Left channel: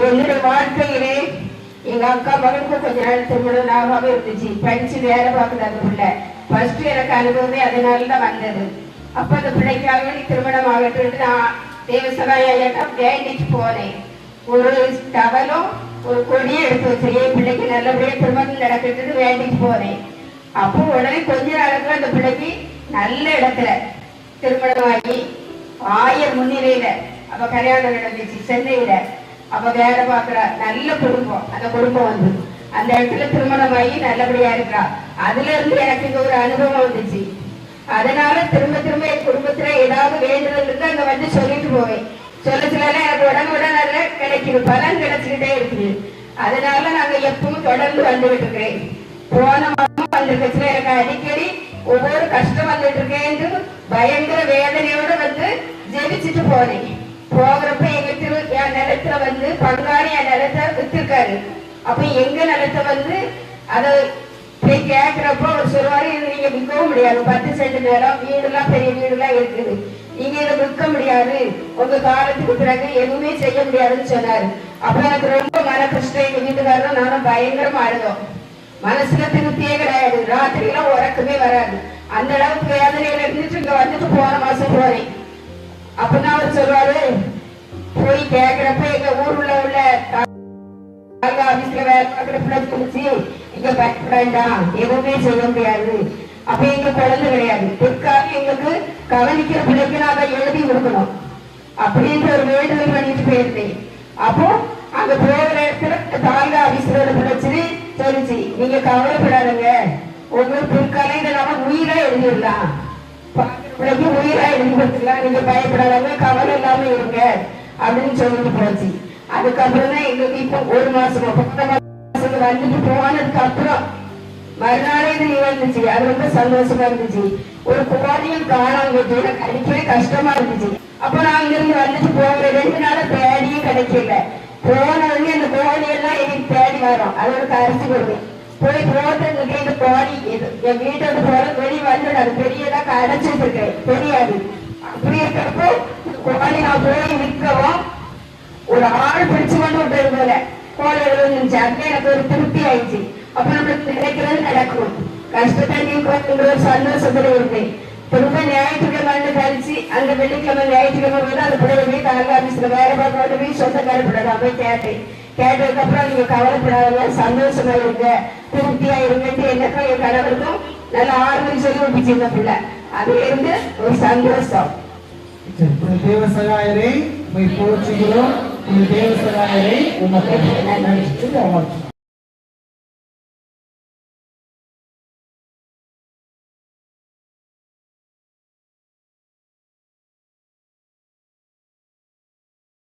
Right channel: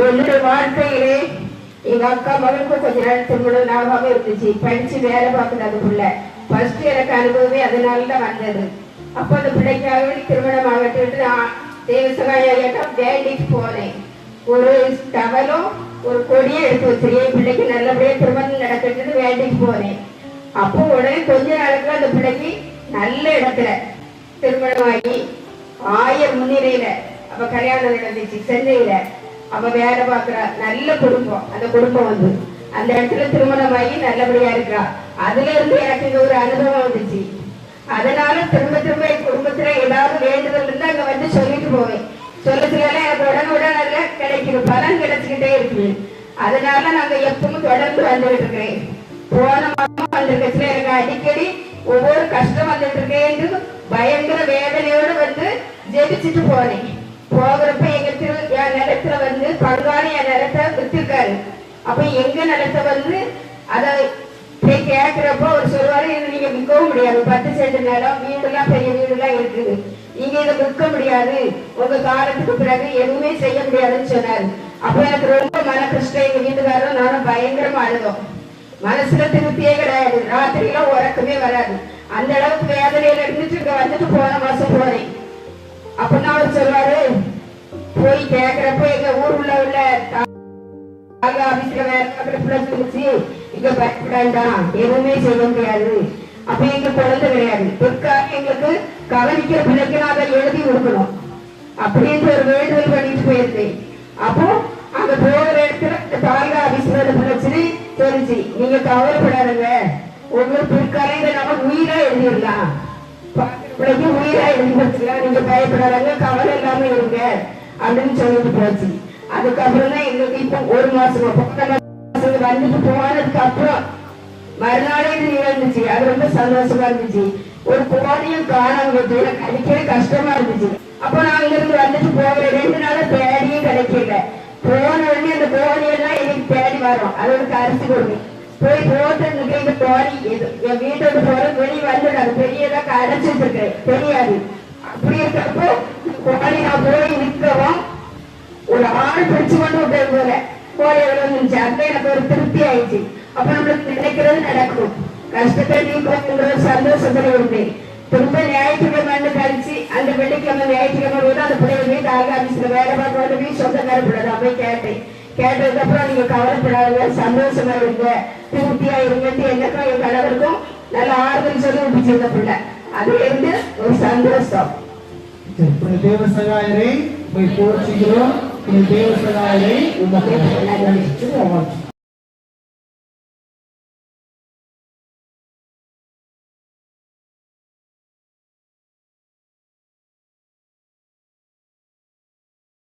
என்னுடைய வாழ்க்கையிலே எங்க அக்கா மகனுக்கு கொஞ்ச நாள் திருமணம் லாபமாக இருந்துச்சு. படிச்சு வேலை பார்க்குது அந்த பிள்ளை. ஃபர்ஸ்ட் எனக்கு அனுபவமே அதனாலதான் வந்தது. அப்போ அந்த பிள்ளைக்காக திருமணம் ஆகட்டு நான் தேவசகாயிடம் வேண்டிட்டு போனேன். ஒரு டவலும் ஒரு கொடியும் எடுத்து வச்சிருக்கேன். பிள்ளைக்கு நல்லபடியா திருமணம் நடக்கிறது வேண்டிட்டு போனேன். அப்போ உடனே கொஞ்ச நாளுக்குள்ள அந்த பிள்ளைக்கு நல்ல இடத்துல திருமணமாகி ஆயர் முன்னிலையில அவ கல்யாணம் நடந்துச்சு. சென்னையில அவ வேலை பார்க்கிறா. நல்ல குடும்பம். அந்த குடும்பம் வந்து அந்த இடத்துல திருமணமாகி நல்லபடியா இருக்கா. அதுல இருந்து எனக்கு இந்த ஒரு அனுபவம் வந்துச்சு. அதனால திரும்ப திரும்ப என் குடும்பத்துல ஏதாவது வேண்டுதல் இருந்து அங்க வந்து சொல்லிட்டு போவேன். சொல்லச்சுல எனக்கு உடனுடன் நல்ல கிடைக்குது, பலன் கிடைச்சுக்கிட்டே இருக்குது. அதனால நாங்க எப்பவும் தொடர்ந்து வந்துட்டு இருக்கிறேன். போன மாதம் வந்திருக்கச்சுல எனக்கு அடிக்கடி ஒவ்வொரு கஷ்டம் வந்துட்டு இருக்கேன் என்று பயங்கர வேதனையோடு வந்து ஜெபிச்சுட்டு போறேன். போகிறப்ப எங்க என் நிலத்துல வந்து பங்காளி என் நிலத்தை வித்திருக்காரு. அப்ப எங்க நிலத்தை வந்து அதை போய் கேட்கிறப்போ அவர் சொல்லுவாரு, நீங்க விற்கவும் முடியாது, 10 சென்ட் நிலம், வீடுலாம் பெரிய வீடுலாம் இருக்குது, நீங்க இதை விற்க முடியாது, உங்க காலத்துக்கு பிறகு எதுவுமே செய்ய முடியாதுன்னு சொன்னாரு. அப்ப எனக்கு ரொம்ப மன கஷ்டம். எங்க வீட்டுக்காரரும் நானும் பயங்கரமா அழுதோம். மனசுல திருப்தியே கிடையாது. ராத்திரிலாம் உறக்கமே வராது. அந்த அளவுக்கு வேதனையில இருந்துட்டு இங்க வந்துட்டு போன மாசம் போறேன். அப்பதான் அவர் சொல்வாரு, போய் கேட்கிறப்ப எங்க ஊர்ல உள்ள ஆபீஸ்ல வேலை பார்க்கிற பிள்ளை சொல்லிச்சு, இங்க பயப்படாண்டாம், எதுவுமே செய்ய முடியாது. அப்ப எங்க குழந்தை கிடையாது. பிற்காக எங்களுக்கு கவனிக்கிற பிள்ளைக்கு நாங்க எழுதி கொடுக்கணும் அப்படின்ற ஒரு வேண்டுதல் பண்ணிட்டு போயிருந்தேன். அப்போ அங்க போகிற இடத்துல தாலுகா ஆபீஸ்ல பிரச்சனை சொல்லிச்சு, நீங்க கவலைப்படாதுங்க, ஒவ்வொரு பிற்காலைங்க நம்ம உயிரா எழுதிடலாம், பாக்குற பிள்ளைக்கு உயிரா எழுதி படிச்சுக்கலாம், நீங்க பயப்படாதவங்க, கவலை இல்லாம இருங்க அப்படின்னு சொல்லிட்டு போச்சு. அதுக்கப்புறம் தான் எங்களுக்கு இப்ப ஒரு மாசம் வந்துட்டு போனதுக்கு அப்புறம் மறுநாளே வந்துச்சு. அது ரொம்ப சந்தோஷமா இருந்துச்சு. ஒரு கோடியும் காணாம கிடைக்கவே கஷ்டமா இருந்துச்சு. அப்ப நாங்க இருந்து வந்துட்டு போகிற 2 நாள பேடியும் கிடைக்கல. போன உடனே அந்த கோடியெல்லாம் எங்களுக்கு தேடி வரோம். அது ஒரு அரிசி கொடுங்க போய் போட்டு இந்த கோடி என் வீட்டோட போற வெளியே வந்து பெரியதான் அடைச்சிட்டு இருக்கேன் தெரியாது. அப்படி இருக்கிறப்போ இந்த கோடி நான் போய் நிற்கவும் ஒரு ஆள் பிடிச்சு கொண்டு விட்டு கோழி வந்துச்சு. அங்க எனக்கு ஒரு திருப்தி ஆயிடுச்சு. அப்ப நம்மளுக்கு நினைக்கிறது நடக்கும், கஷ்டத்தை நீக்குற சந்தோஷத்துல இருந்தேன். திரும்ப ஞாயிற்றுக்கிழமை கழிச்சு அந்த வெள்ளிக்கிழமை ஞாயிற்றுக்கிழமை போய் அந்த பிள்ளை போய் தாலுகா ஆபீஸ்ல வேலை பார்க்க போய் சொந்தக்கார பிள்ளை போய் கேட்டேன். கேட்டதுக்கு அப்புறம் நீங்க கவலைப்படாத, சந்தோஷமா இருங்க, திருப்தியா இருங்கன்னு எனக்கும் என் கணவருக்கும் நல்ல ஆறுதல் சொல்லி விட்டுச்சு இந்த பிள்ளை. அது இருந்து ஒரு சந்தோஷம். தேவசகாயரை போய் போச்சுக்கிறோம். தேவசகாயரை